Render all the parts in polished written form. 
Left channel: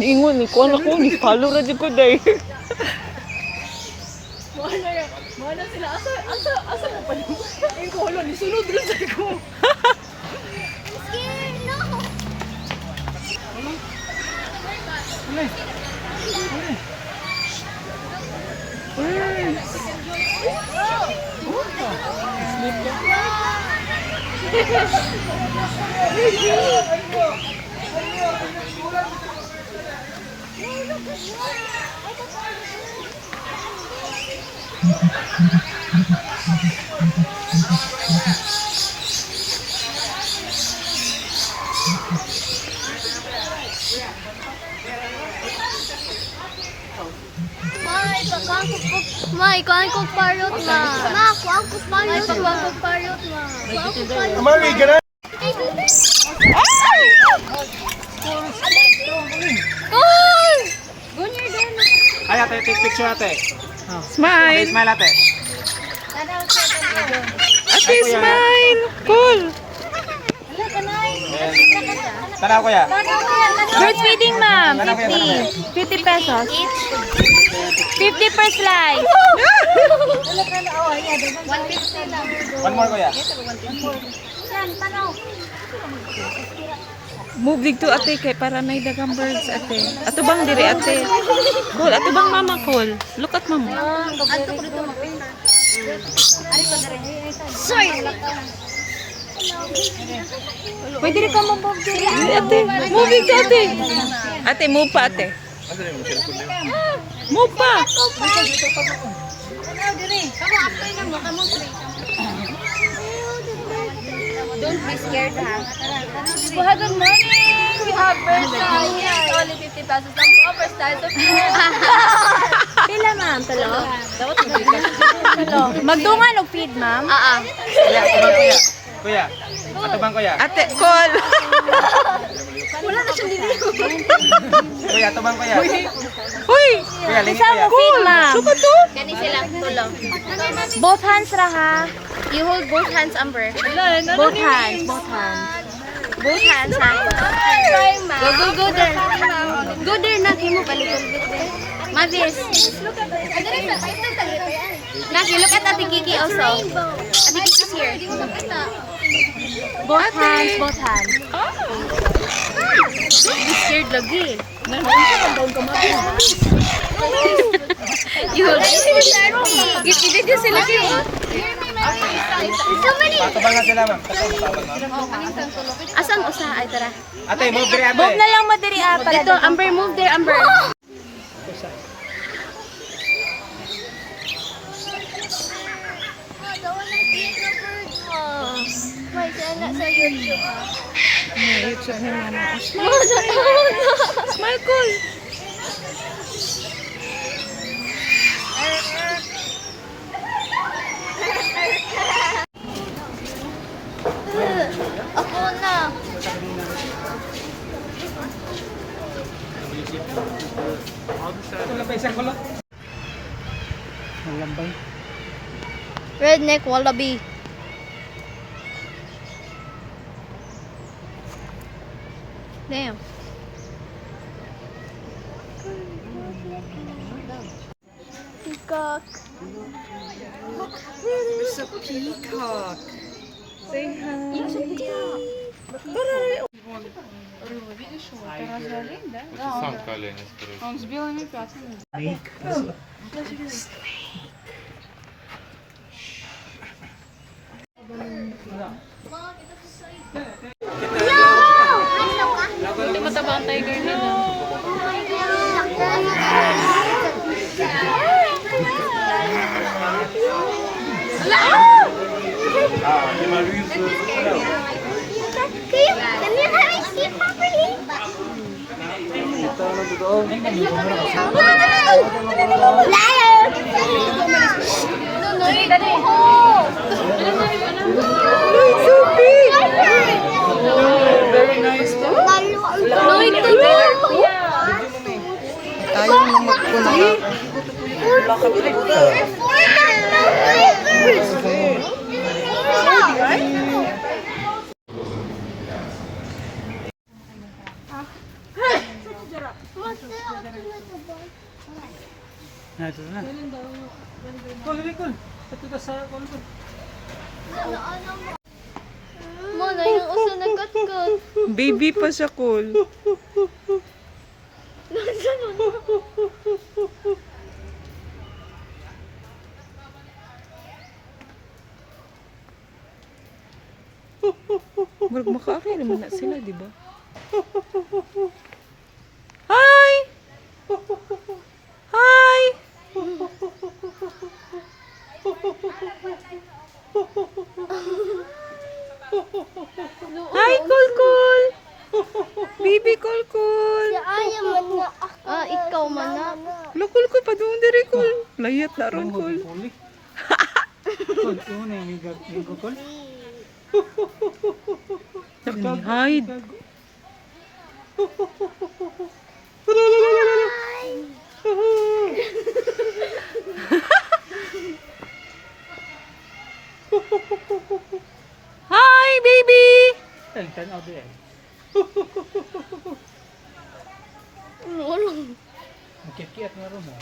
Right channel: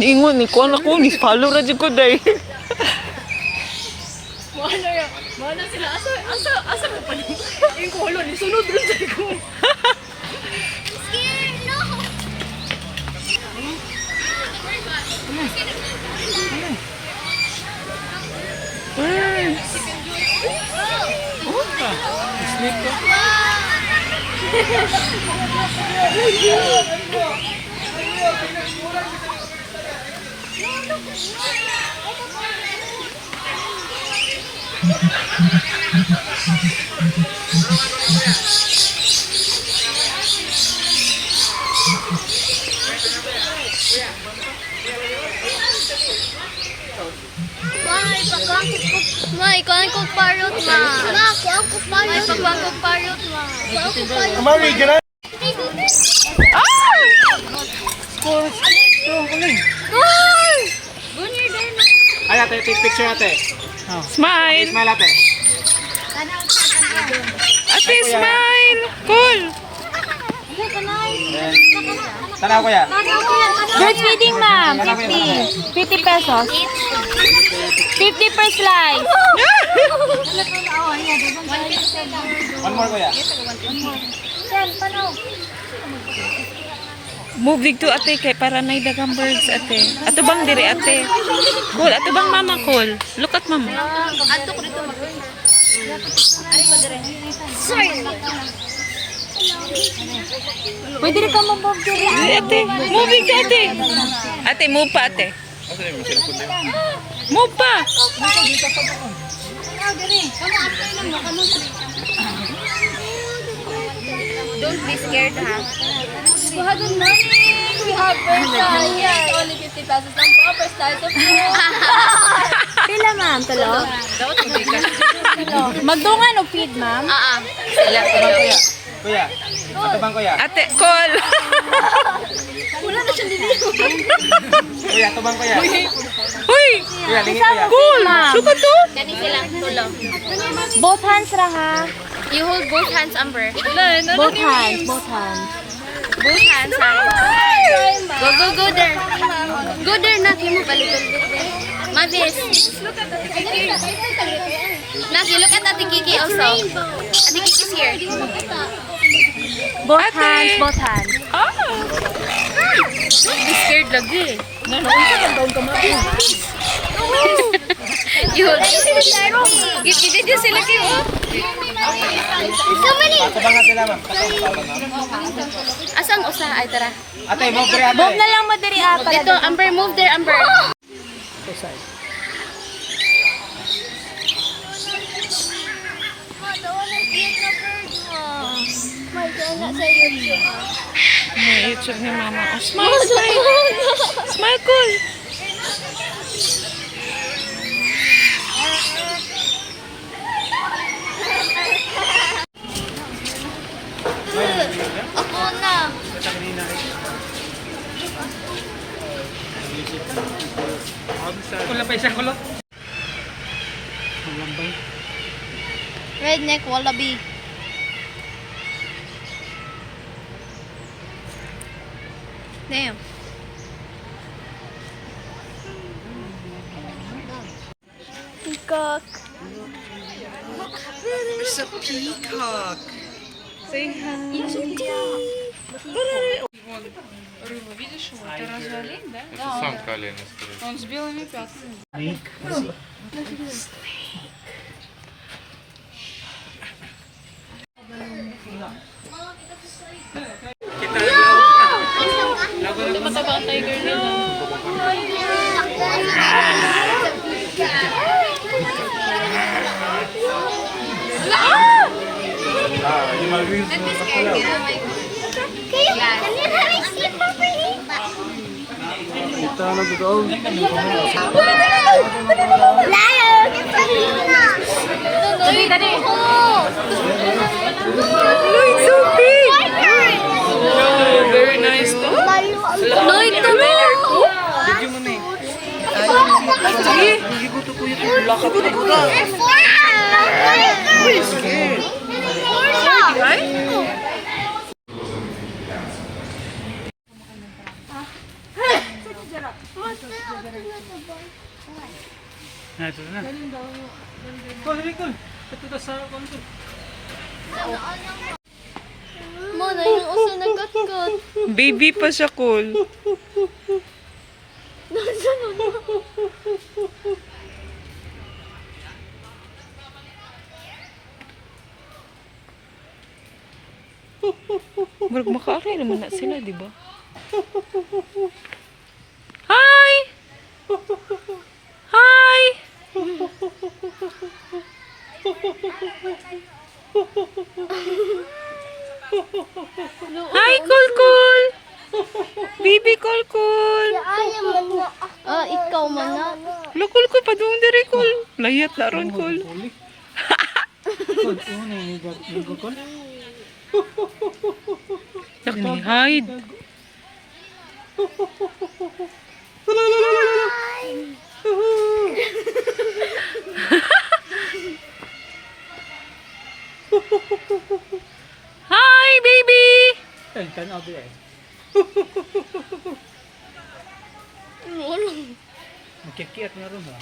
Niingon ni ko ako ni follow ra jud ko day. Mana sila asa mo pa ni. Ing ko ni sunod ron sa ko. May ko parot ma. Ako parot. Ako parot ma. Ako parot. Mari, can I? Ay, ate, take picture ate. Smile. Smile ate. Ate, smile. Cool. Tanaw kuya. Bird feeding ma'am. 50. 50 pesos. 50 per slice. One more kuya. Move dito ate kay para nay dagang birds ate. Ato bang diri ate? Cool, ato bang mama cool? Look at mama. Ato ko dito mag. Pwede rin ka mabog diri. Diri ate, move dito ate. Ate, move pa ate. Move pa. Don't be scared ha. Good morning. We have breakfast here. Only 50 pesos lang po. First size of food. Pila ma'am, tulo. Dapat hindi ka. Magdungan o feed ma'am? Kuya, ito bang kuya? Kuya, ito bang kuya? Ate, cool. Kuya, ito bang kuya? Uy, Kuya, lingi kuya. cool. Look at to. Dani sila tulo. Both hands ra ha. You hold both hands, Amber. Both hands, both hands. Both hands ha. Go there. Go there na kimo balikan there. Mavis. Naki, look at Ate Kiki also. Ate Kiki's here. Both hands, both hands. Ah. Don't be scared lagi. You hold it. Did you see lagi? Patabangan sila ma'am. Patabangan ma'am. Asan usa ay tara. Ate, move dire ate. Bob na lang mo diri para dito, Amber, move there, Amber. May YouTube ni mama. Oh, smile, smile. Smile, cool. Ako na. Kulo pa isa kulo. Malambay. Redneck wallaby. Damn. Peacock. There's a peacock. Say hi. Видишь его? Это разве олень, да? Это самка оленя, скорее всего. Он с белыми пятнами. Hindi mataba tiger na. Dali, dali. It's so big! Very nice to. Lloyd, dali. Nah, ito na. Kol, dali, Kol. Ito na sa Kol. Mana, yung uso nagkat-kat. Baby pa siya, Cole. Marag makaakay naman na sila, di ba? Hi! Hi! Hi, Kulkul! Bibi Kulkul! Ah, ikaw man na. Wala, Kulkul, padung diri, Kul. Layat na ron, Kul. Kol, yung na yung Kol. Nag-hide. Hi, baby! Kan out there. Magkikiyat nga rin mo.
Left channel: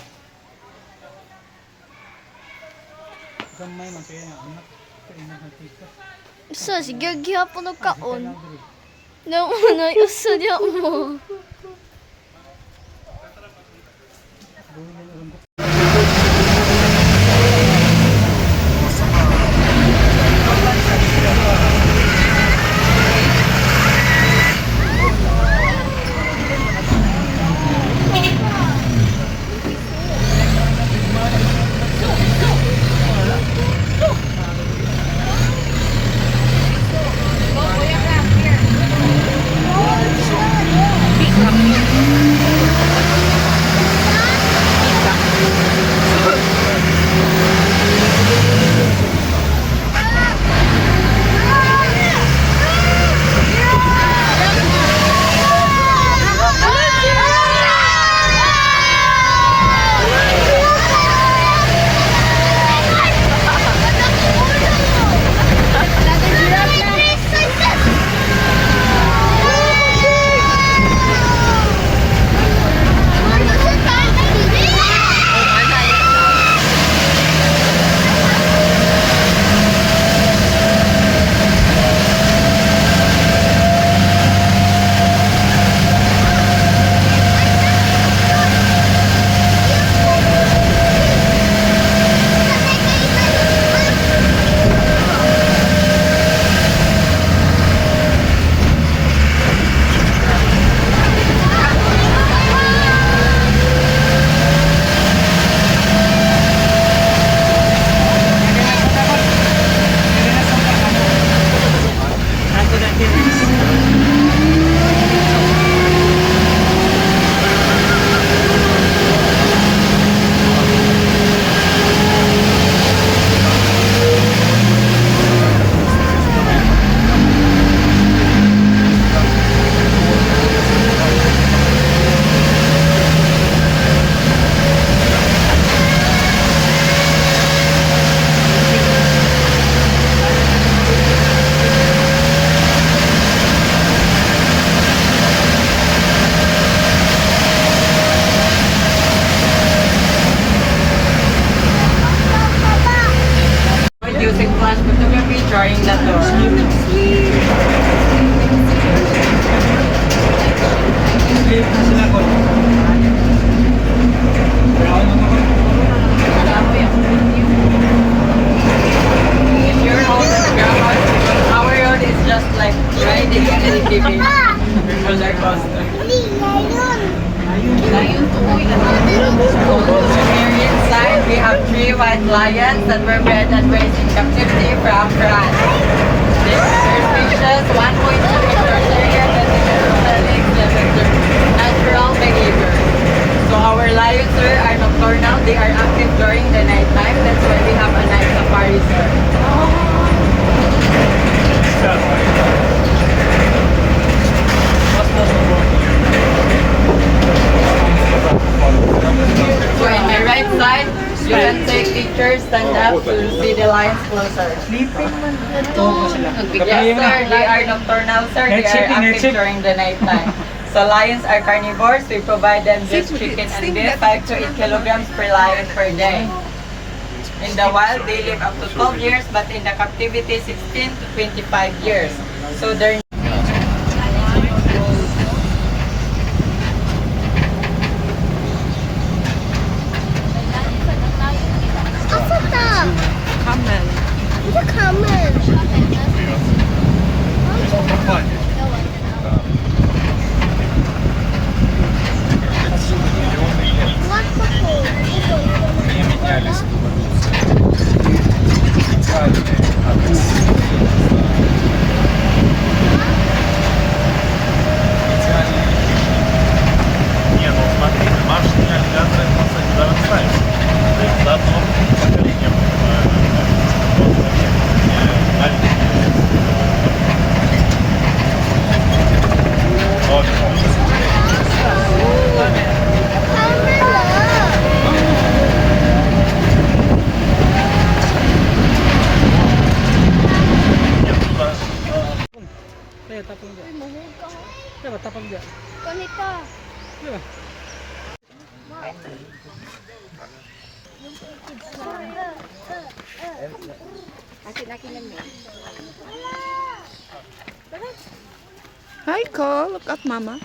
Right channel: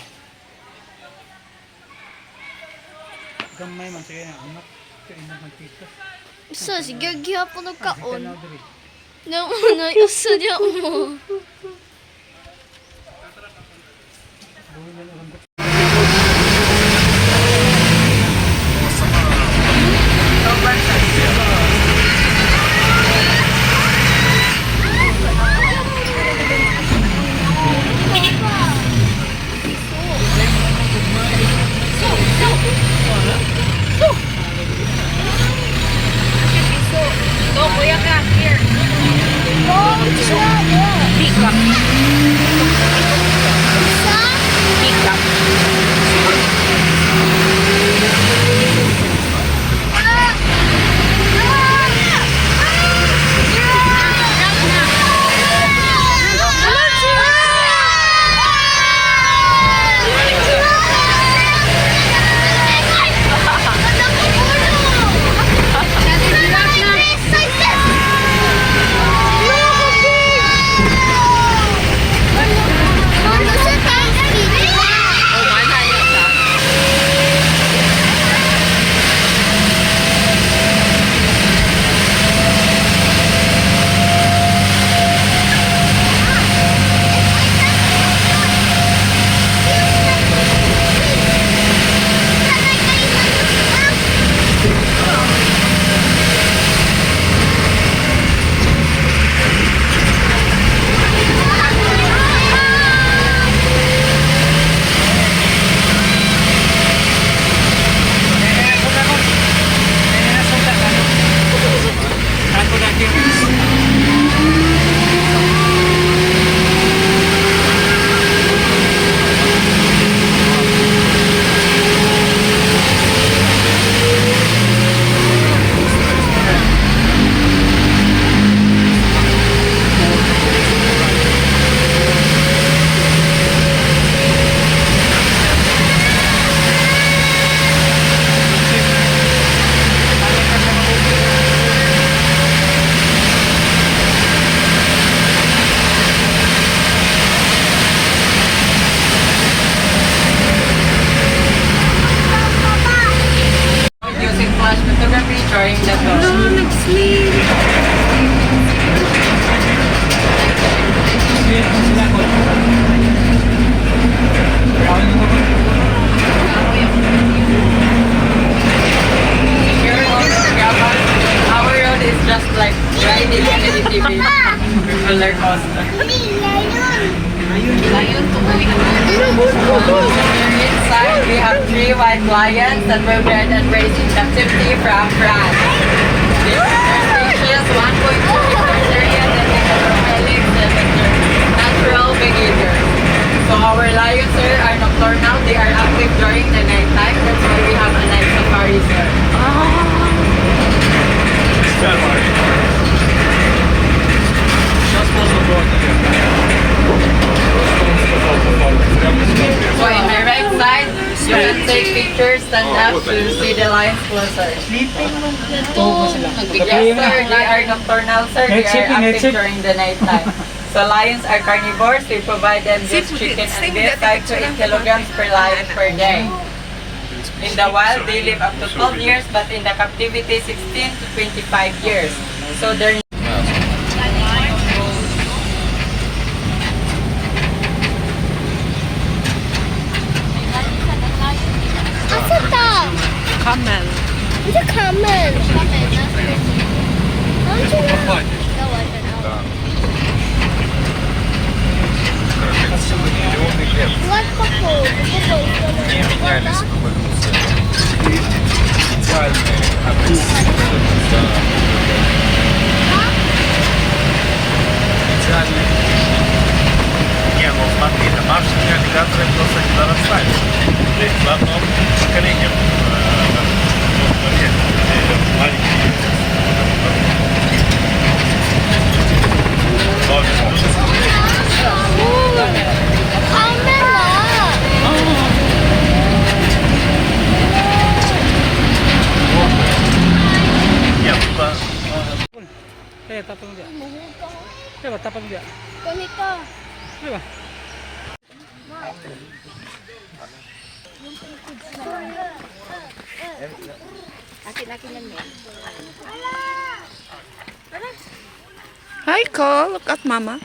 Gamay man sa'yo na anak. Kaya na magkita. Sa, sige, gihapon ng kaon. Kan out there. Naunay, uso niya mo. Syrians that were bred and raised in captivity from France. Their species 1.2 hectares area that limit their natural behavior. So our lions, sir, are nocturnal. They are active during the night time. That's why we have a night safari, sir. So in the right side, you can take pictures, stand up to see the lions closer. Yes, sir. They are nocturnal, sir. They are active during the night time. So lions are carnivores. We provide them just chicken and beef, 5 to 8 kilograms per lion per day. In the wild, they live up to 12 years, but in the captivity, 16 to 25 years. So they're Camel. It's a camel. What Не менялись в эволюции. Идеальные идеальные. Не, ну смотри, наша реализация просто не нарастает. То есть в одном поколении tapang dia. Coba tapang dia. Ganito. Coba. Akin-akin lang yan. Hi, Cole. Look at Mama.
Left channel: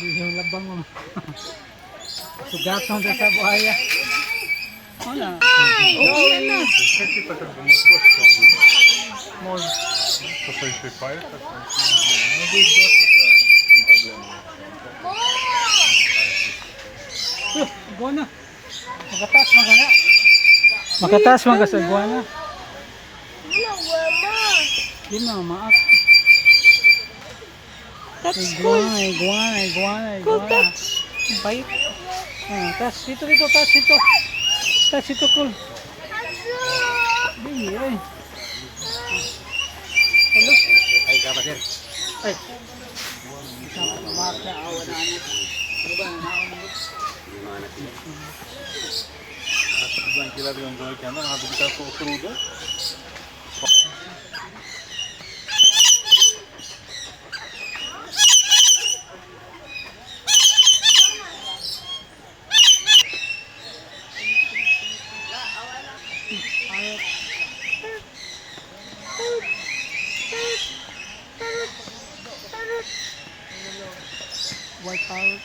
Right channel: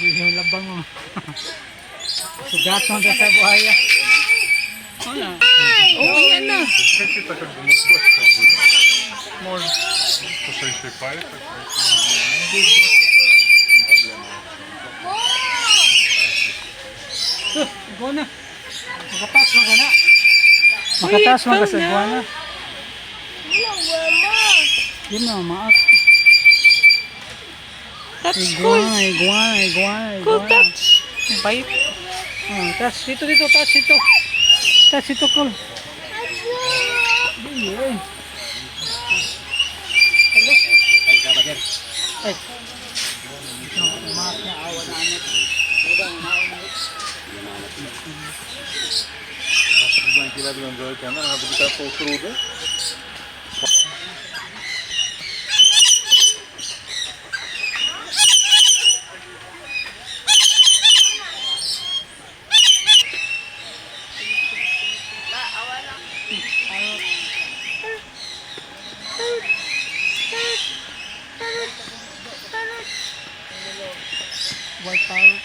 Yung labang mo. Sugat mo sa buhaya. Oh, yan na. Какие-то как бы мозгов будет. Может, что-то еще и поэтому. Ну, здесь дождь это не проблема. Buwana. Makatas mo gana. Makatas mo kasi buwana. Yun ang maak. That's cool. Iguana. Cool touch. Bite. Touch dito, touch dito. Touch dito, cool. Ay. Ay, kapatid. Ay. Maak na awa na anak. Килограмм делать, она будет такого труда. White towel.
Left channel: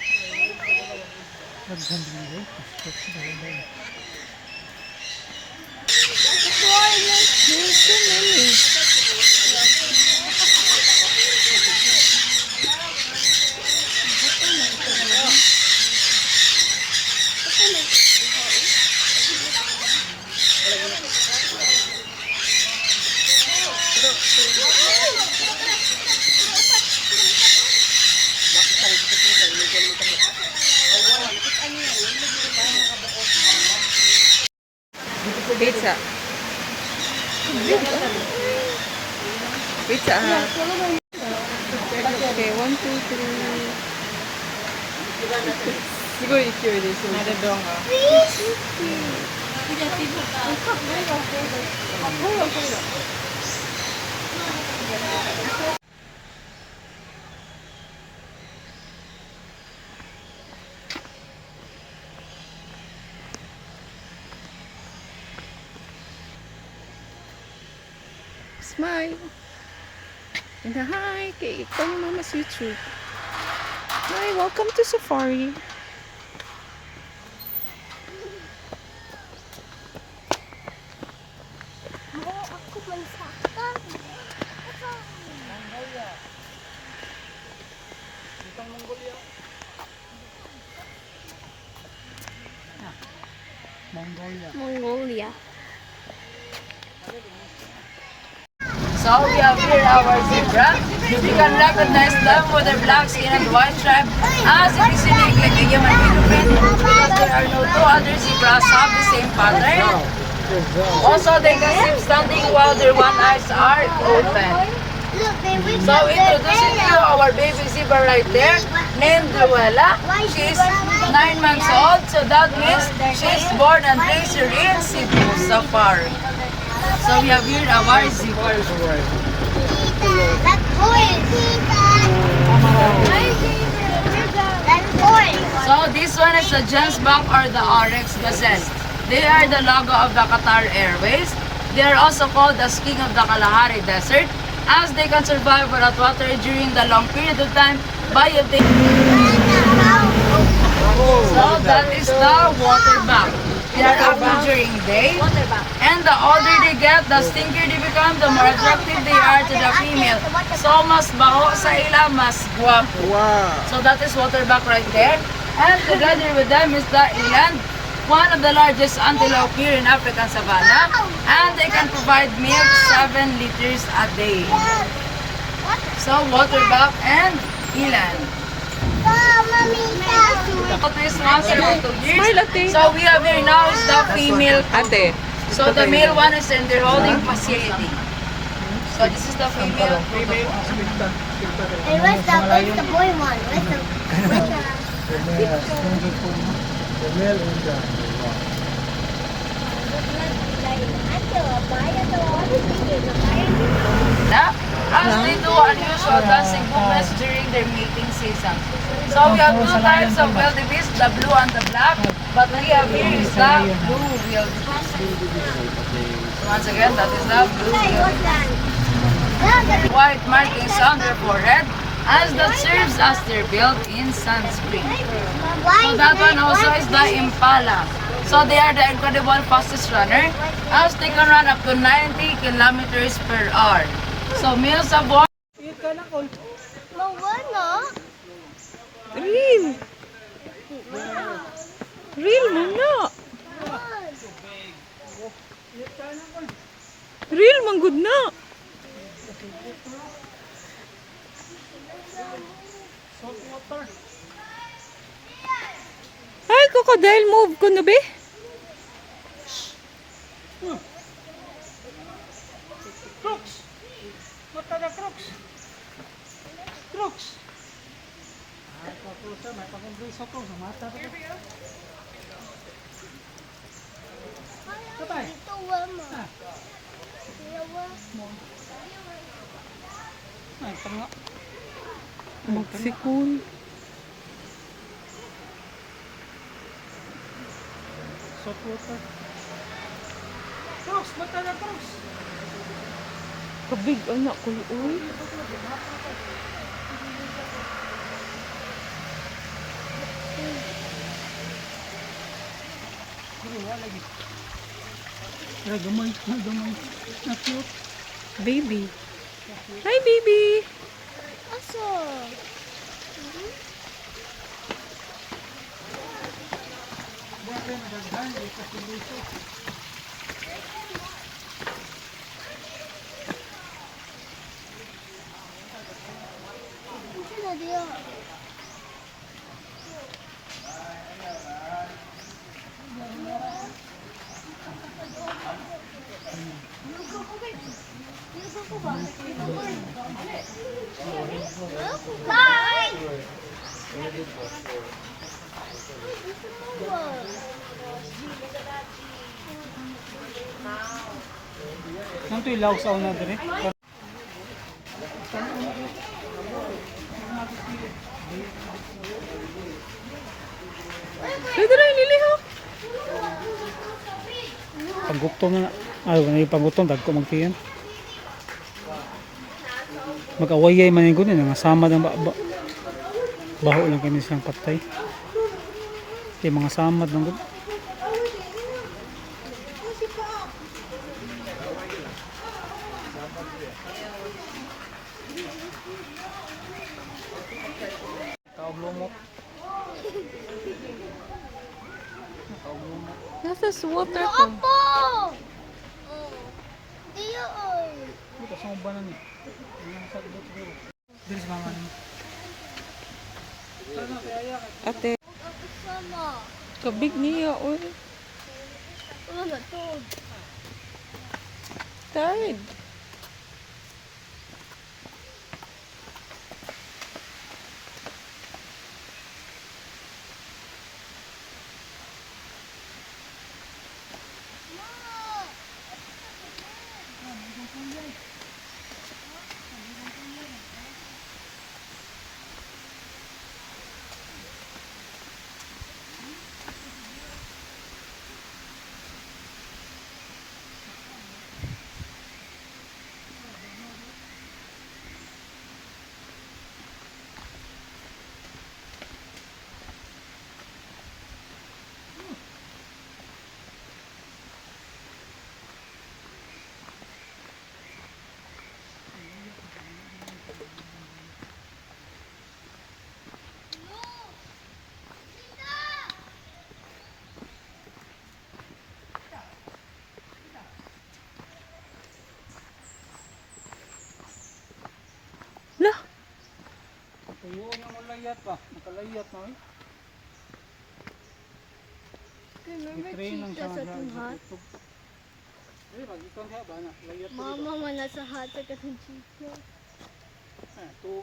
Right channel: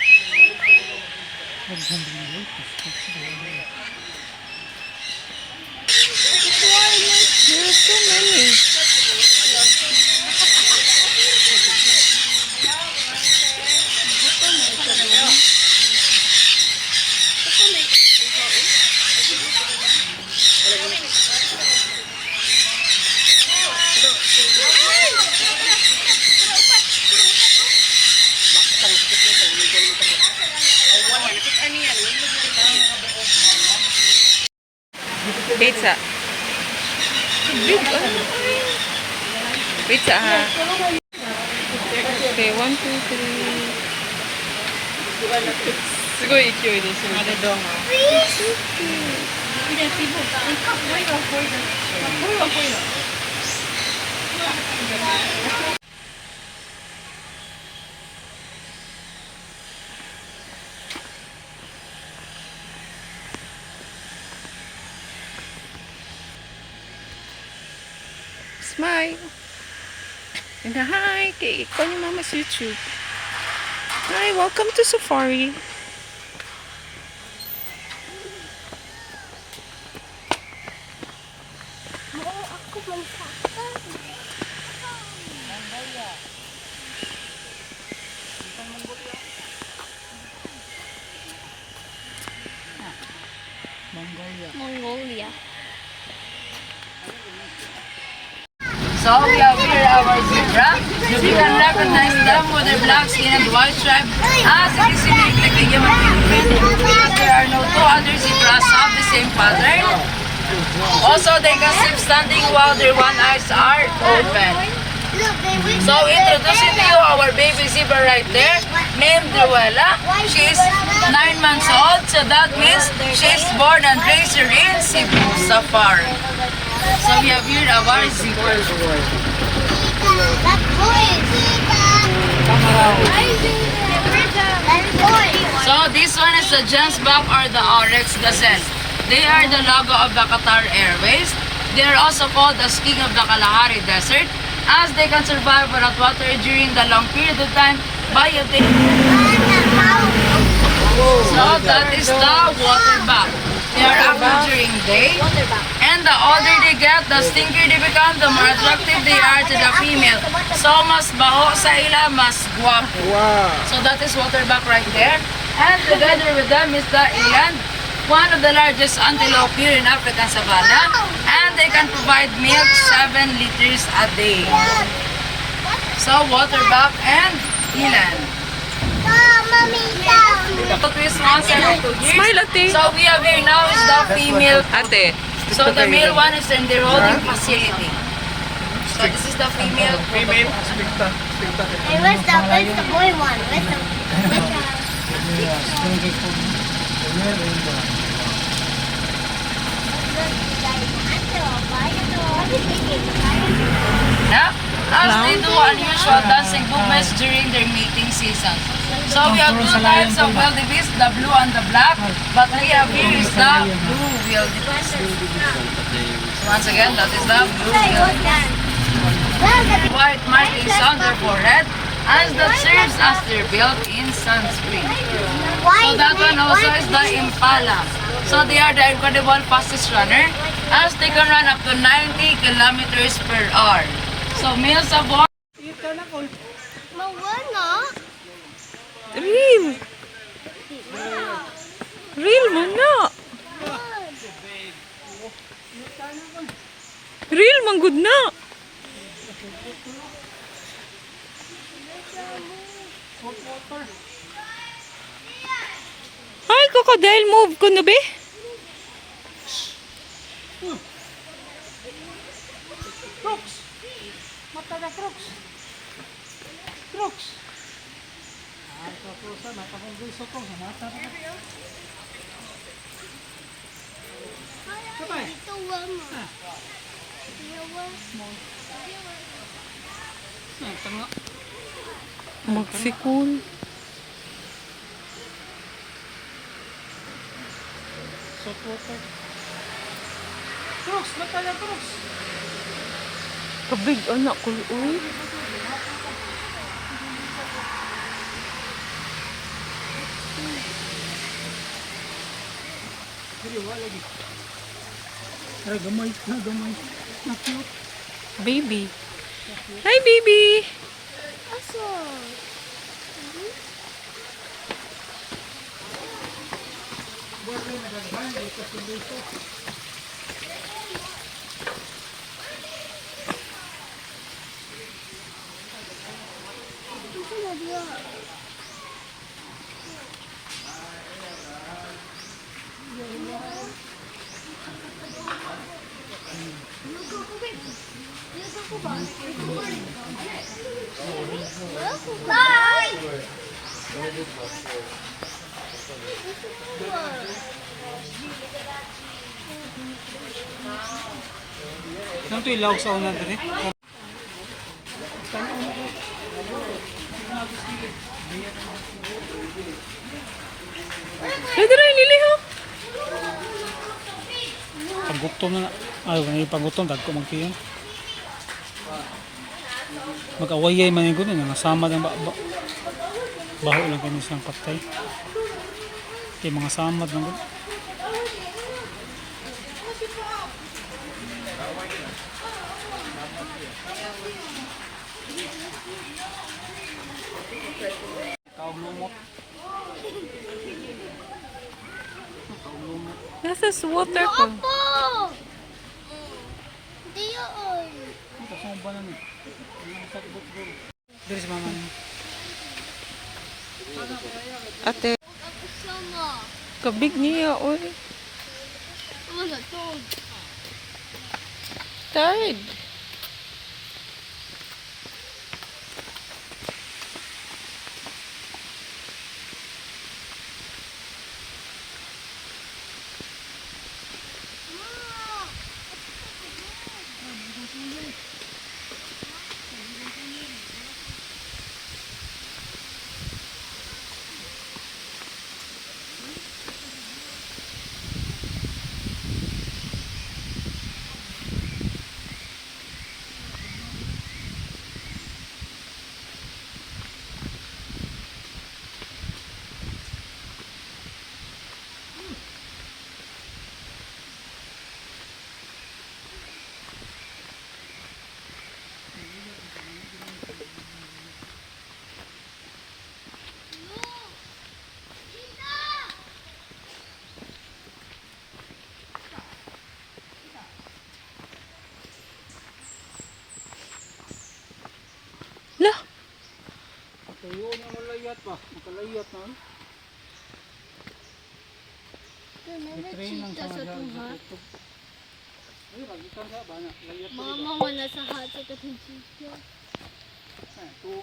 There's so many. Pizza. Big, Pizza ha. Okay, 1, 2, 3. すごい勢いでしょ。Smile. And hi, kay ikaw ni Mama's YouTube. Hi, welcome to Safari. Mongolia. So we have here our zebra. You can recognize them with their black skin and white stripe as it is unique like the human fingerprint. There are no two other zebras have the same pattern. Also, they can sleep standing while their one eyes are open. So introducing to you our baby zebra right there, named Ruela. She is 9 months old, so that means she is born and raised here in Cebu Safari. So we have here our zebra. So this one is the Gensbach or the Oryx gazelle. They are the logo of the Qatar Airways. They are also called the king of the Kalahari Desert, as they can survive without water during the long period of time by obtaining. So that is the water back. They are active during day, and the older they get, the stinkier they become, the more attractive they are to the female. So mas baho sa ila, mas guwapo. So that is waterback right there. And together with them is the eland, one of the largest antelope here in African savanna, and they can provide milk 7 liters a day. So waterback and eland. Smile, ate. So we have here now is the female. Ate. So the male one is in their holding facility. So this is the female. Hey, where's the boy one? Yeah? As they do unusual dancing movements during their mating season. So we have two types of wildebeest, the blue and the black. But we have here is the blue wildebeest. So once again, that is the blue wildebeest. White markings on their forehead, as that serves as their built-in sunscreen. So that one also is the impala. So they are the incredible fastest runner, as they can run up to 90 kilometers per hour. So males of one. No, we're not. Real. Real mo na. Real man good na. Ay, crocodile move ko na be. Magsikul. Kabig anak ko uy. Ay, gamay na, gamay. Na-cute. Baby. Hi, baby. Aso. Nang ito ilaw sa una din eh. Pwede rin nili ho. Paggutom na. Ay, paggutom, dagko magkiyan. Mag-awayay man yung ganun, nangasama ng baho lang kayo silang patay. Kaya mga samad ng ganun. Nasa water ko. Dili sa mga Ate. Kabig niya, oy. Tired. Lah, tuyo na malayat pa. Makalayat na. Remember Train ng cheetah sa sa tuhat? Ay, ragitan siya ba na? Layat pa Mama, wala sa hat sa katong cheetah. ito.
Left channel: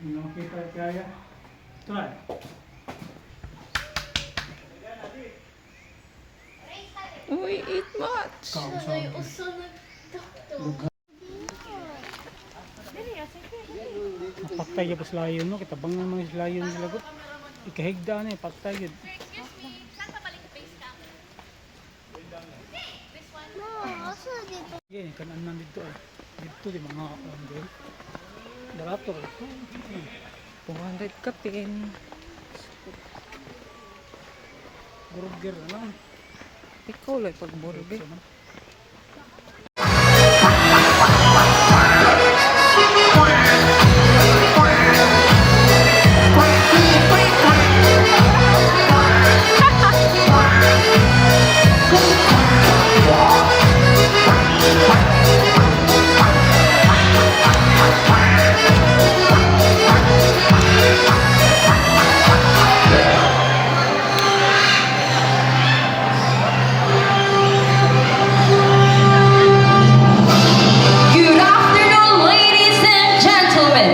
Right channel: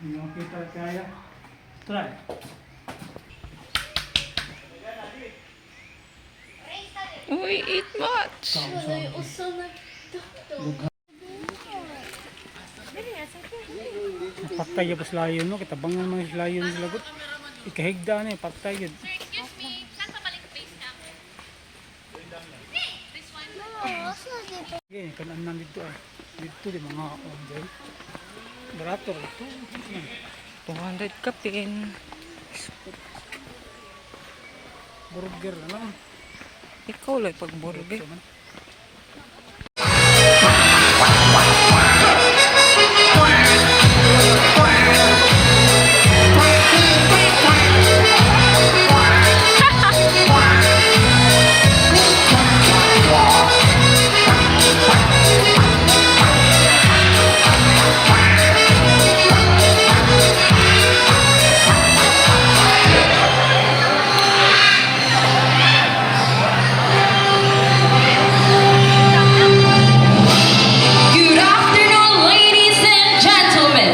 Hindi makita kaya. Try. we eat much. Patay yung layon no, kita bangan mga layon sa lagot. Ikahigda na eh, patay yun. Yeah, kanang man dito eh. Dito di mga kapangay. Barato ito. 200 kapin. Burger na. Ikaw lang pag burger. Good afternoon, ladies and gentlemen.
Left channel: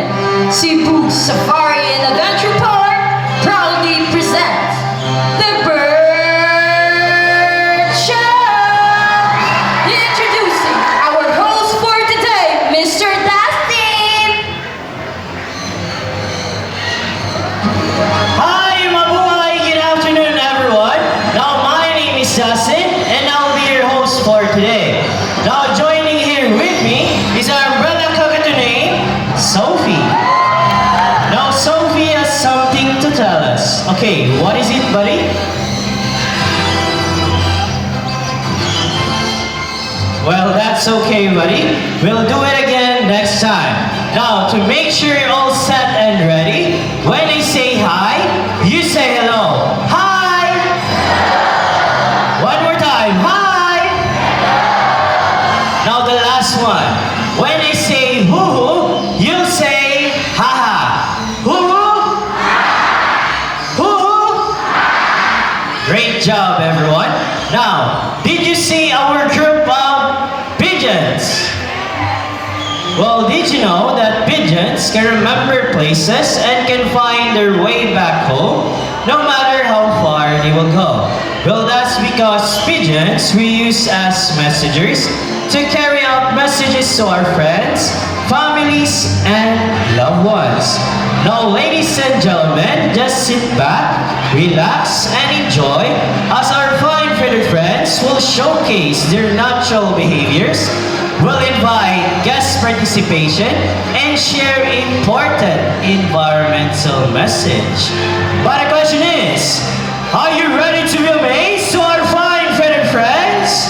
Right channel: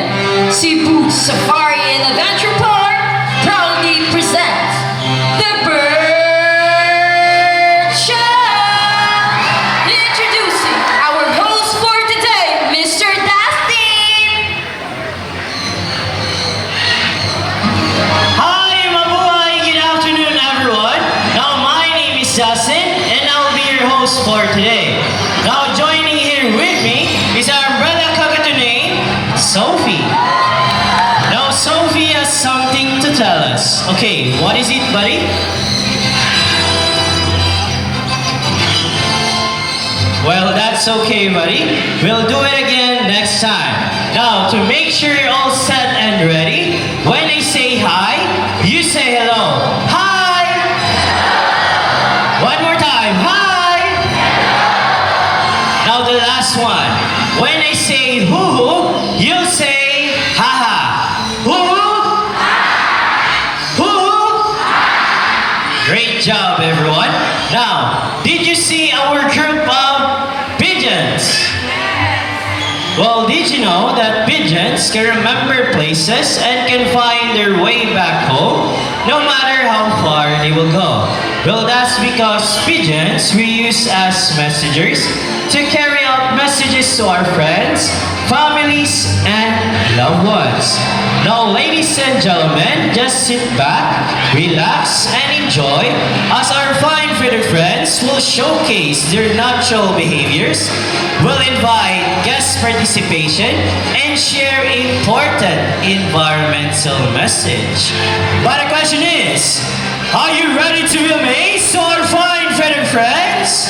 Cebu Safari and Adventure Park proudly presents the Bird Show. Introducing our host for today, Mr. Dustin. Hi, mabuhay! Good afternoon, everyone. Now, my name is Dustin, and I'll be your host for today. Now, joining here with me is our brother cockatoo named Sophie. Now, Sophie has something to tell us. Okay, what is it, buddy? Well, that's okay, buddy. We'll do it again next time. Now, to make sure you're all set and ready, when I say hi, you say hello. Hi! One more time. Hi! Now, the last one. When I say hoo-hoo, you'll say ha-ha. Hoo-hoo! Hoo-hoo! Great job, everyone. Now, did you see our group of pigeons? Well, did you know that pigeons can remember places and can find their way back home no matter how far they will go? Well, that's because pigeons we use as messengers to carry out messages to our friends, families, and loved ones. Now, ladies and gentlemen, just sit back, relax, and enjoy as our fine feathered friends guests will showcase their natural behaviors, will invite guest participation, and share important environmental message. But the question is, are you ready to be amazed, our fine friend and friends?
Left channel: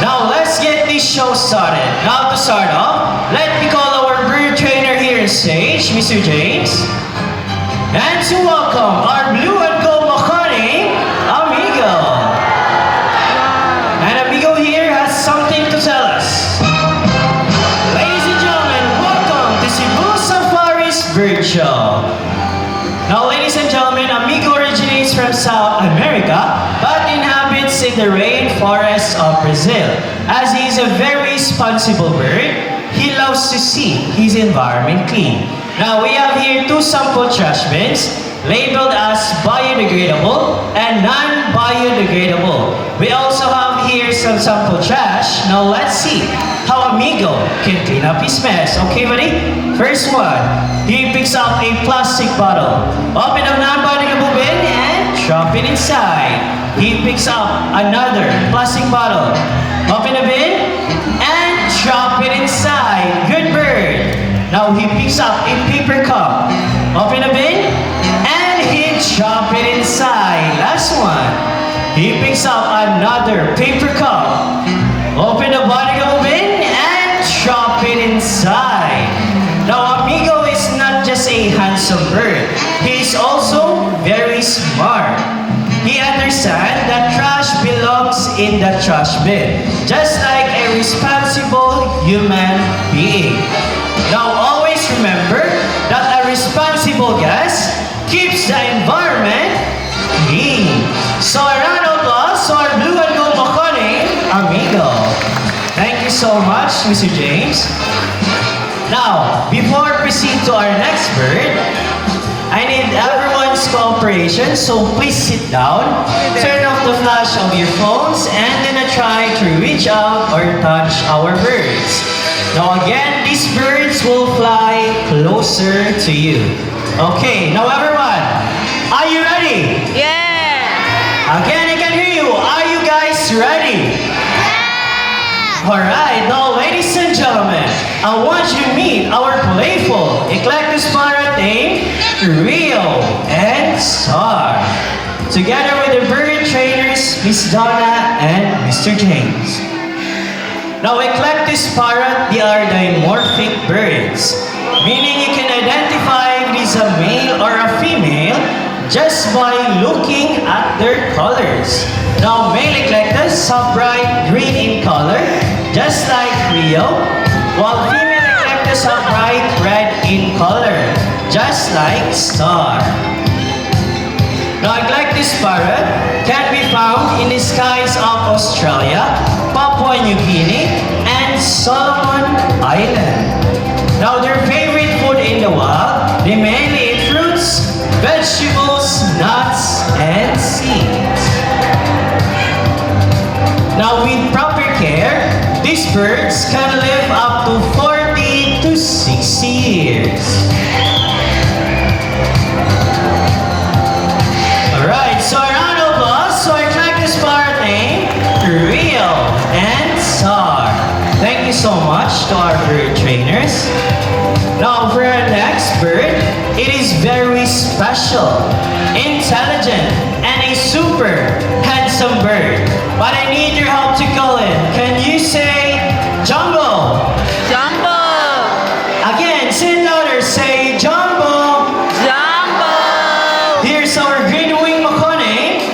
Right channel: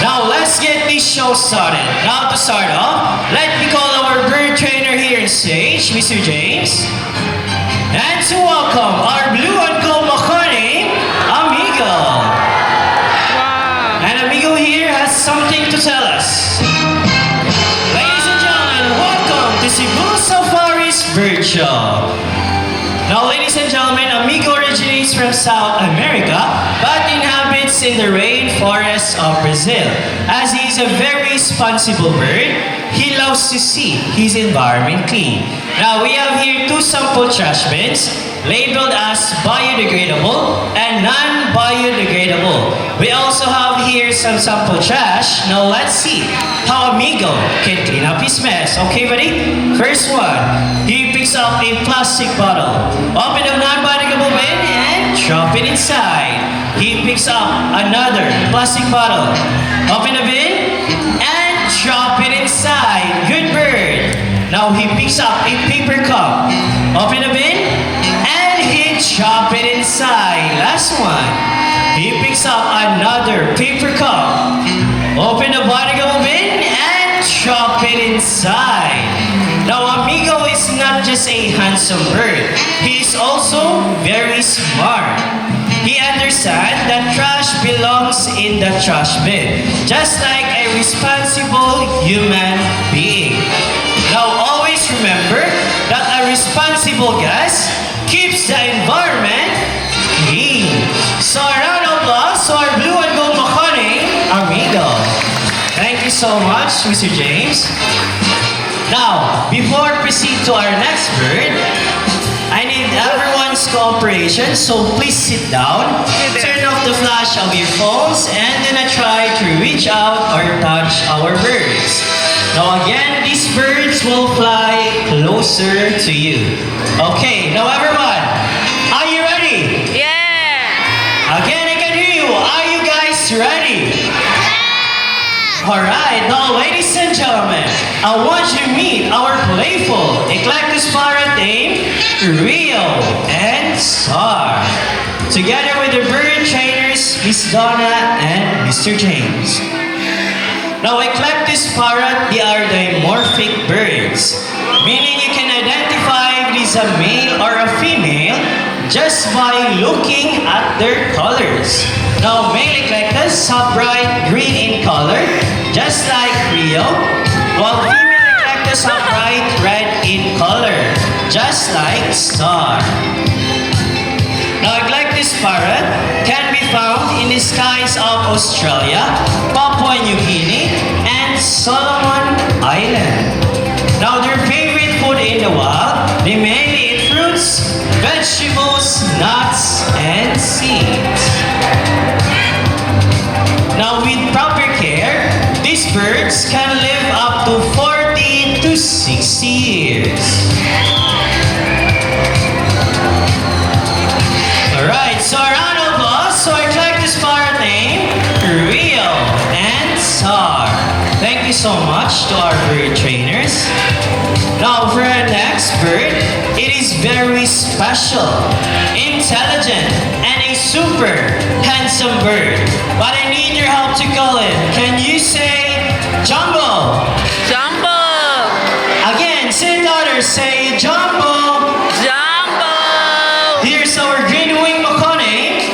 Now let's get this show started. Now to start off, let me call our bird trainer here on stage, Mr. James. And to welcome our blue and gold Makani, Amigo. Wow. And Amigo here has something to tell us. Ladies and gentlemen, welcome to Cebu Safari's Bird Show. Now, ladies and gentlemen, Amigo originates from South America, but inhabits in the rainforests of Brazil. As he is a very responsible bird, he loves to see his environment clean. Now, we have here 2 sample trash bins, labeled as biodegradable and non-biodegradable. We also have here some sample trash. Now, let's see how Amigo can clean up his mess. Okay, buddy? First one, he picks up a plastic bottle. Open up non-biodegradable bin and drop it inside. He picks up another plastic bottle. Open the bin and drop it inside. Good bird. Now he picks up a paper cup. Open the bin and he drop it inside. Last one. He picks up another paper cup. Open the biodegradable bin and drop it inside. Now Amigo is not just a handsome bird. He is also very smart. He understands that trash belongs in the trash bin, just like a responsible human being. Now always remember that a responsible guest keeps the environment clean. So a round of applause to our blue and gold Makani, Amigo. Thank you so much, Mr. James. Now, before we proceed to our next bird, I need everyone's cooperation, so please sit down, turn off the flash of your phones, and then try to reach out or touch our birds. Now again, these birds will fly closer to you. Okay, now everyone, are you ready? Yeah. Again, I can hear you. Are you guys ready? Alright, now ladies and gentlemen, I want you to meet our playful Eclectus parrot named Rio and Star. Together with the bird trainers, Miss Donna and Mr. James. Now Eclectus parrot, they are dimorphic birds, meaning you can identify if it is a male or a female just by looking at their colors. Now male Eclectus are bright green in color, just like Rio, while female Eclectus are bright red in color, just like Star. Now Eclectus parrot can be found in the skies of Australia, Papua New Guinea, and Solomon Island. Now their favorite food in the wild, they mainly eat fruits, vegetables, nuts, and seeds. Now with proper care, these birds can live up to 40 to 60 years. Alright, so a round of applause to our Eclectus parrot named Rio and Star. Thank you so much to our bird trainers. Now for our next bird, it is very special, intelligent, and a super handsome bird. But I need your help to call it. Can you say Jumbo? Jumbo. Again, say it louder. Say Jumbo. Jumbo. Here's our green wing Makani,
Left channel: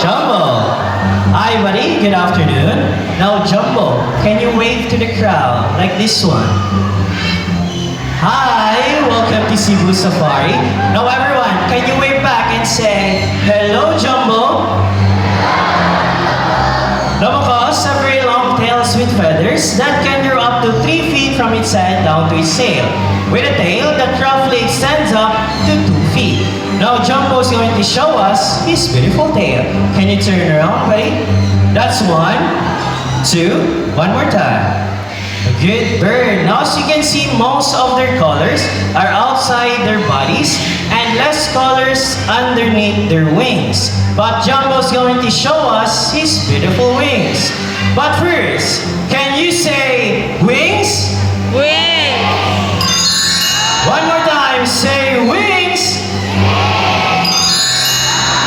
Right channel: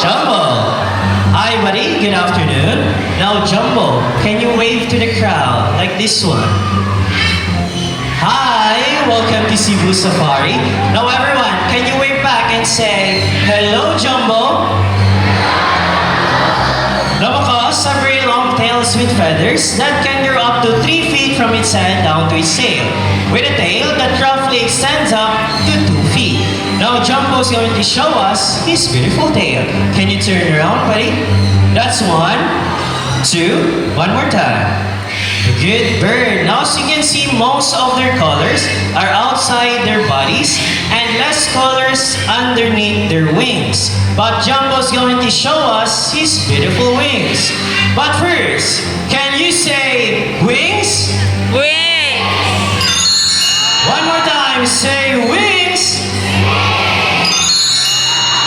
Jumbo. Hi, buddy. Good afternoon. Now, Jumbo, can you wave to the crowd like this one? Hi, welcome to Cebu Safari. Now, everyone, can you wave back and say hello, Jumbo? Nabakos have very long tails with feathers that can grow up to 3 feet from its head down to its tail, with a tail that roughly extends up to 2 feet. Now Jumbo is going to show us his beautiful tail. Can you turn around, buddy? That's 1, 2, one more time. A good bird. Now as you can see, most of their colors are outside their bodies and less colors underneath their wings. but Jumbo's going to show us his beautiful wings. But first, can you say wings? Wait! One more time, say wings!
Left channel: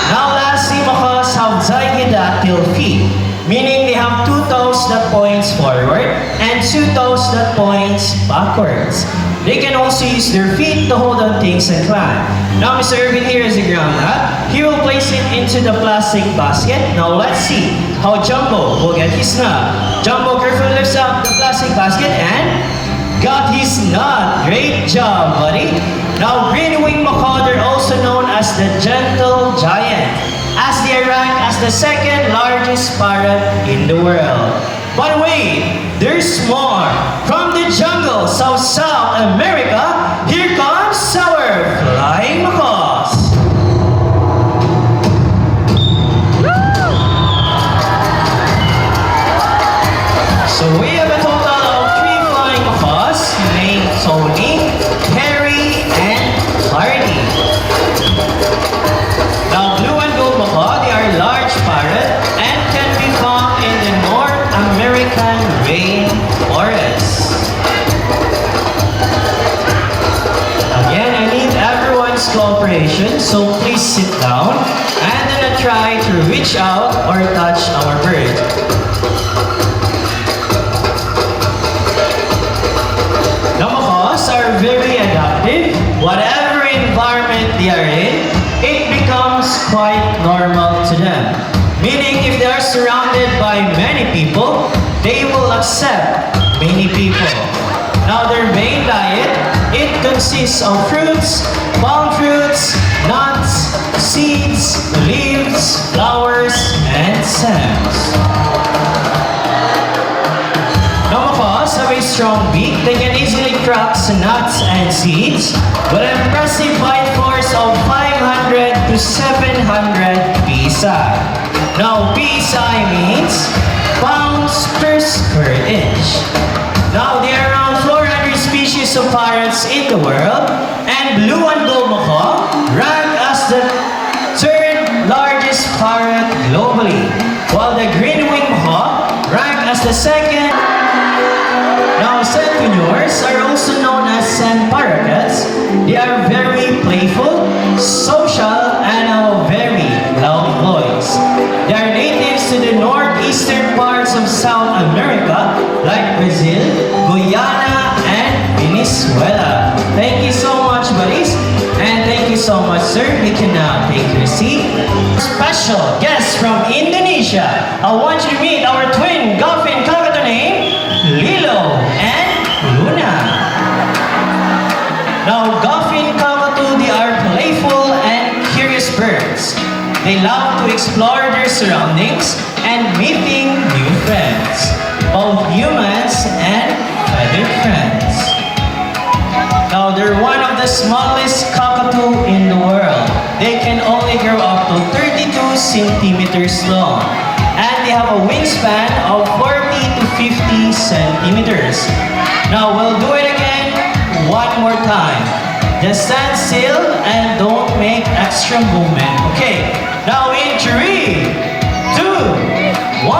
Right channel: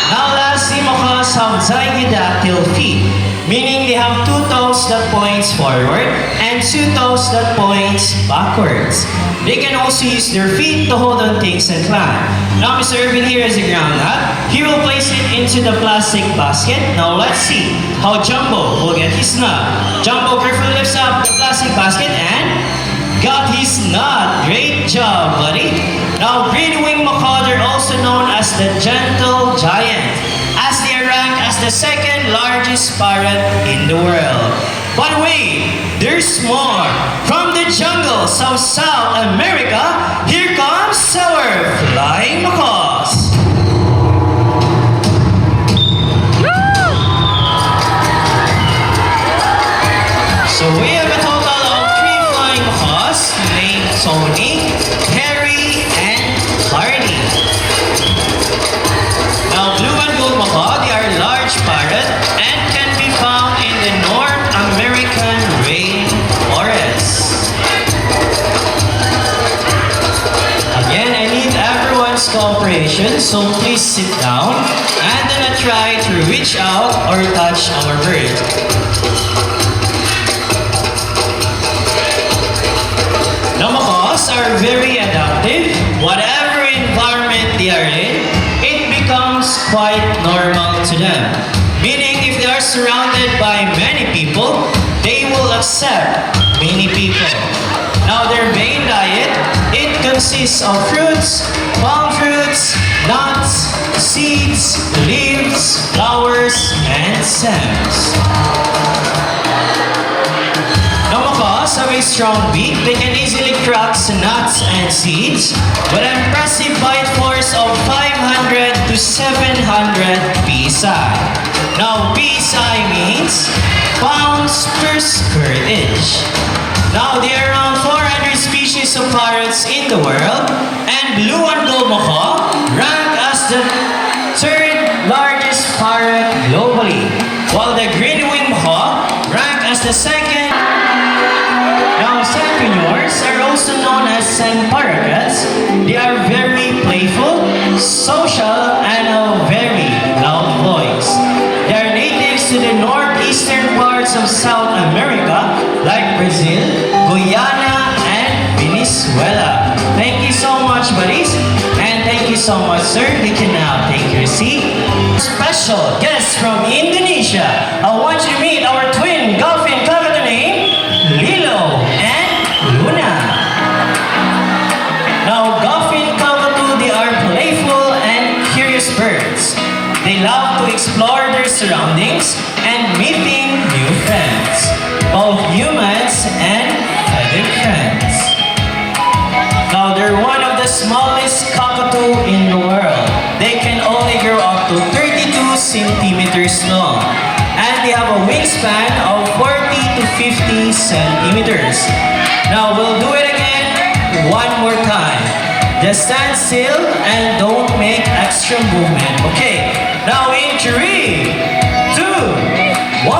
Now lastly, macaws have zygidactyl feet, meaning they have 2 toes that points forward and 2 toes that points backwards. They can also use their feet to hold on things and climb. Now Mr. Irvin here is a ground nut. He will place it into the plastic basket. Now let's see how Jumbo will get his nut. Jumbo carefully lifts up the plastic basket and got his nut. Great job, buddy. Now green-winged macaw are also known as the gentle giant, as they are ranked as the 2nd largest parrot in the world. But wait, there's more. From the jungles of South America, here comes our flying macaws. So we have a total of 3 flying macaws named Tony, Harry, and Barney. Now blue and gold macaw, they are large parrot and can be found in the North American rainforest. Again, I need everyone's cooperation, so please sit down and then try to reach out or touch our bird. Now macaws are very adaptive. Whatever environment they are in, it becomes quite normal to them. Meaning if they are surrounded by many people, they will accept many people. Now their main diet, it consists of fruits, palm fruits, nuts, seeds, leaves, flowers, and stems. Now macaws have a strong beak. They can easily crack nuts and seeds with an impressive bite force of 500 to 700 psi. Now psi means pounds per square inch. Now there are around 400 species of parrots in the world, and blue and gold macaw rank as the 3rd largest parrot globally, while the green-winged macaw rank as the 2nd. Now sandpreneurs are also known as sand parakeets. They are very playful, social, and have very loud voice. They are natives to the northeastern parts of South America, like Brazil, Guyana, and Venezuela. Thank you so much, buddies, and thank you so much, sir. You can now take your seat. Special guest from Indonesia. I want you to meet our twin dolphin cockatoo named Lilo and Luna. Now, dolphin cockatoo, they are playful and curious birds. They love to explore their surroundings and meeting new friends, both humans and other friends. Now, they're one of the smallest cockatoo in the world. They can only grow up to 32 centimeters long, and they have a wingspan of 40 to 50 centimeters. Now, we'll do it again one more time. Just stand still and don't make extra movement. Okay, now in 3, 2, 1.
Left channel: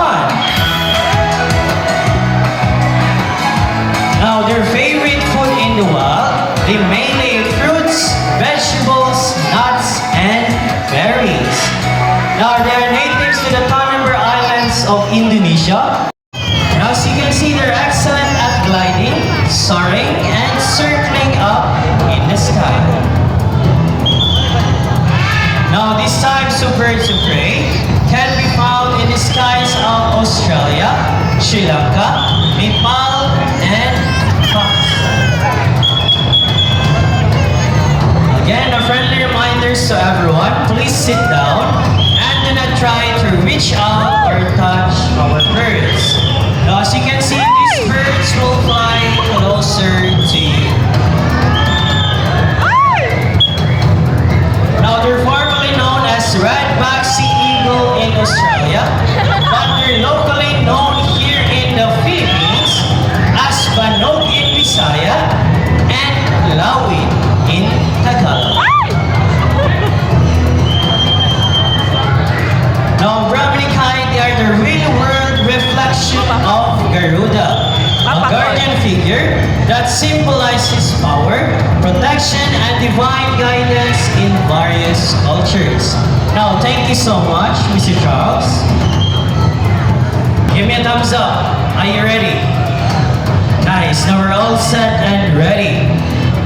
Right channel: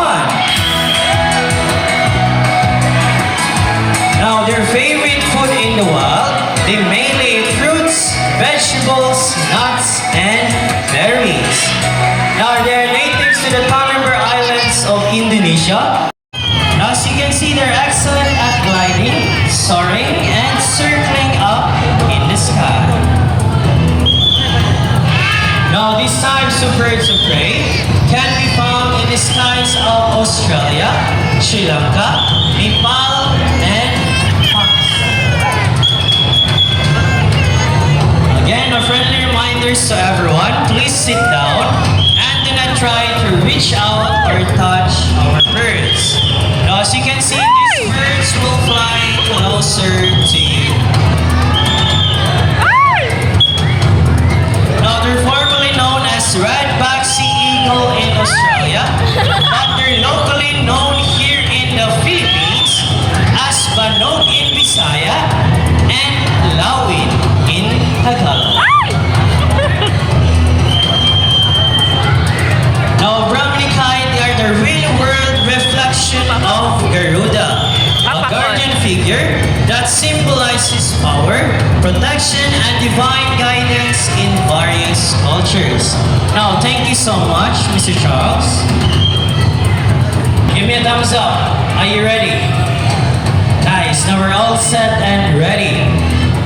Now, their favorite food in the wild, they mainly eat fruits, vegetables, nuts, and berries. Now, they are natives to the Tanimbar Islands of Indonesia. Now, as you can see, they're excellent at gliding, soaring, and circling up in the sky. Now, these types of birds of prey can be found in the skies of Australia, Sri Lanka, Nepal, and Pakistan. Again, a friendly reminders to everyone, please sit down and then try to reach out or touch our birds. Now, as you can see, these birds will fly closer to you. Now, they're formerly known as red-backed sea eagle in Australia, but they're locally known here in the Philippines as Banog in Visaya and Lawin in Tagalog. symbolizes power, protection, and divine guidance in various cultures. Now, thank you so much, Mr. Charles. Give me a thumbs up. Are you ready? Nice. Now we're all set and ready.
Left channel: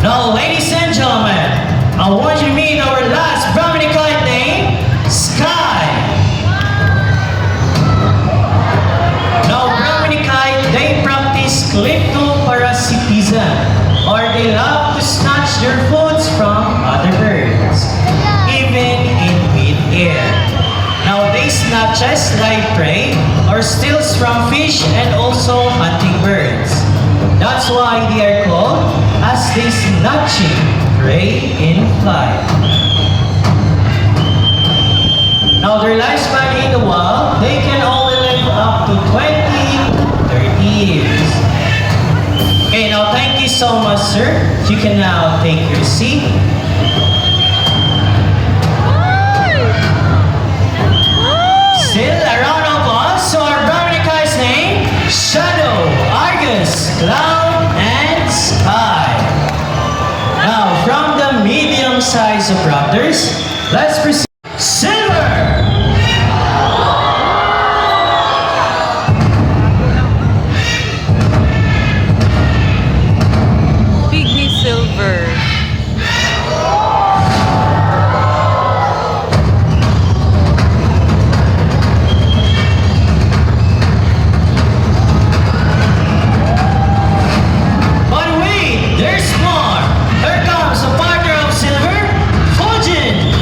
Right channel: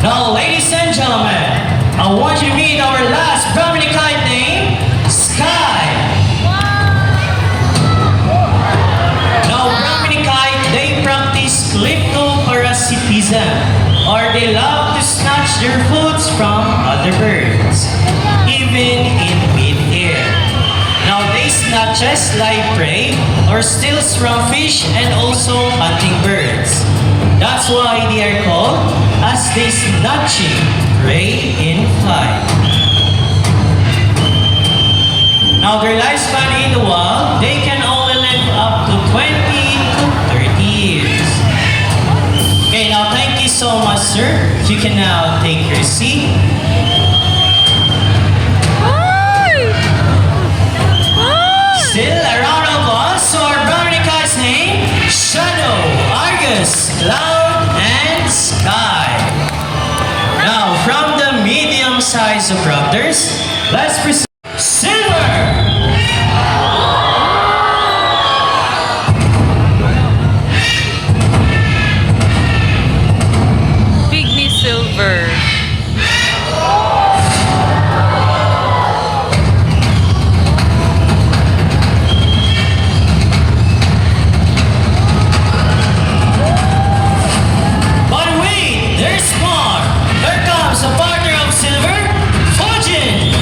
Now, ladies and gentlemen, I want you to meet our last Brahmini kite name, Sky. Now, Brahmini kite, they practice kleptoparasitism, or they love to snatch their foods from other birds, even in mid-air. Now, they snatches live prey or steals from fish and also hunting birds. That's why they are called as the snatching prey in flight. Now, their lifespan in the wild, they can only live up to 20 to 30 years. Okay, now thank you so much, sir. You can now take your seat. Still a round of applause to our Brahmini kite's name, Shadow, Argus, Cloud, and Sky. Now, from the medium size of raptors, let's present Silver. Pygmy silver. But wait, there's more. Here comes a partner of Silver, Fujin.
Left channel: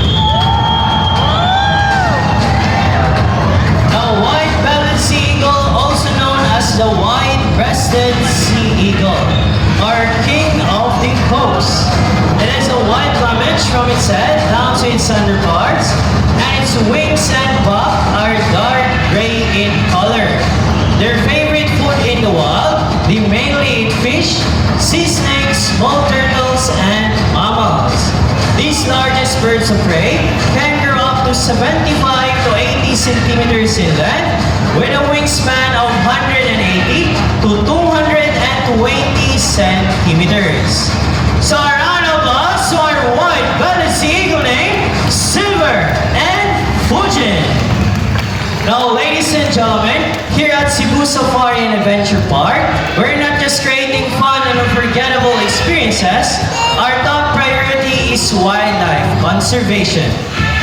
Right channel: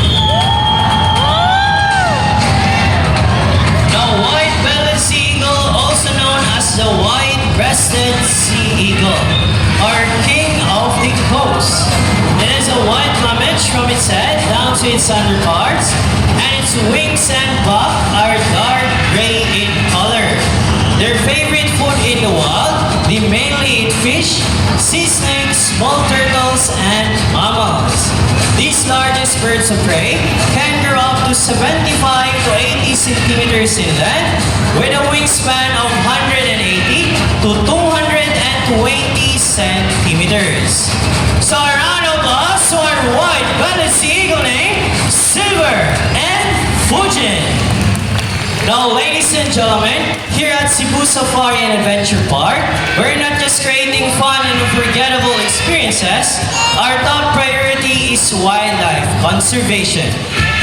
The white-bellied sea eagle, also known as the white-breasted sea eagle, or king of the coast. It has a white plumage from its head down to its underparts, and its wings and back are dark gray in color. Their favorite food in the wild, they mainly eat fish, sea snakes, small turtles, and mammals. These largest birds of prey can grow up to 75 to 80 centimeters in length, with a wingspan of 180 to 220 centimeters. So a round of applause to our white-bellied sea eagle named Silver and Fujin. Now, ladies and gentlemen, here at Cebu Safari and Adventure Park, we're not just creating fun and unforgettable experiences. Our top priority is wildlife conservation.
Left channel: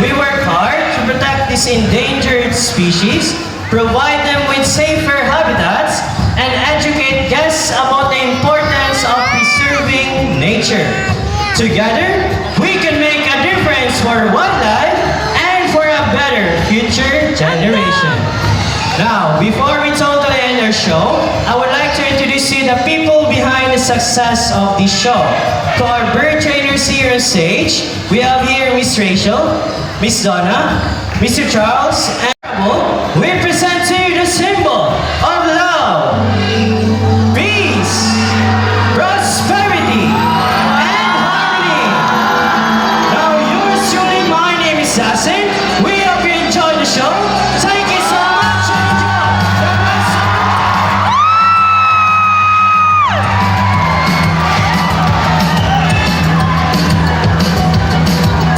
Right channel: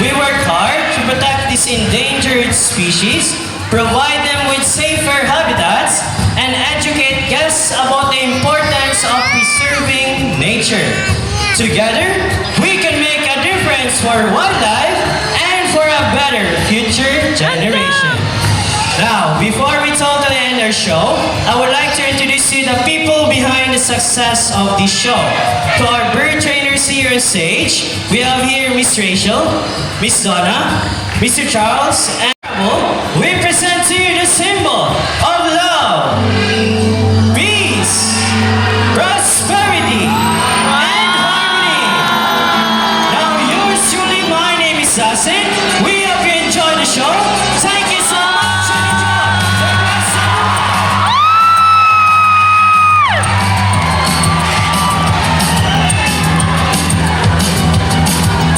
We work hard to protect these endangered species, provide them with safer habitats, and educate guests about the importance of preserving nature. Together, we can make a difference for wildlife and for a better future generation. Now, before we totally end our show, I would like to introduce you the people behind the success of this show. To our bird trainers here on stage, we have here Miss Rachel, Miss Donna, Mr. Charles, and we present to you the symbol of love, peace, prosperity, and harmony. Now, yours truly, my name is Sasin. We hope you enjoy the show. Thank you so much.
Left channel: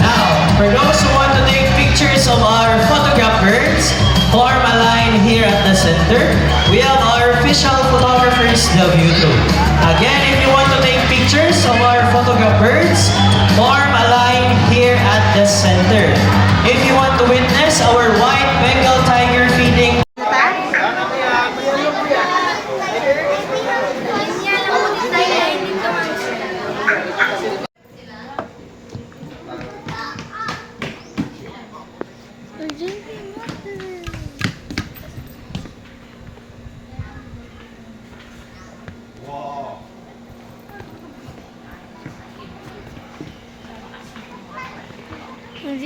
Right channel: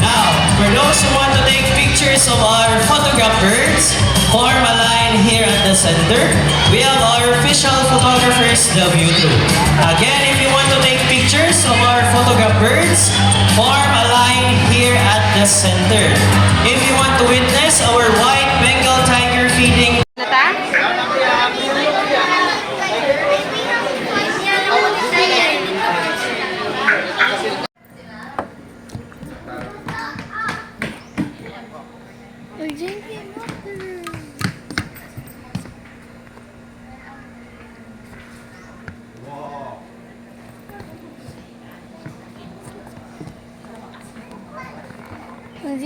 Now, for those who want to take pictures of our photograph birds, form a line here at the center. We have our official photographers, the view through. Again, if you want to take pictures of our photograph birds, form a line here at the center. If you want to witness our white Bengal tiger feeding,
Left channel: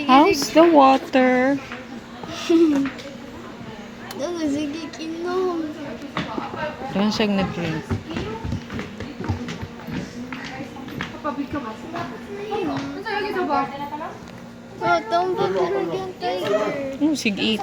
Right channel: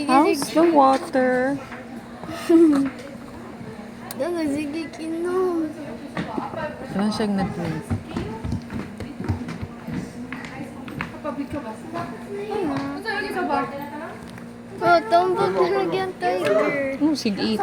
How's the water? Sige, kinom. Ayan siyang nag-drink. Oh, tombo talaga yung tiger. Oh, sige, eat.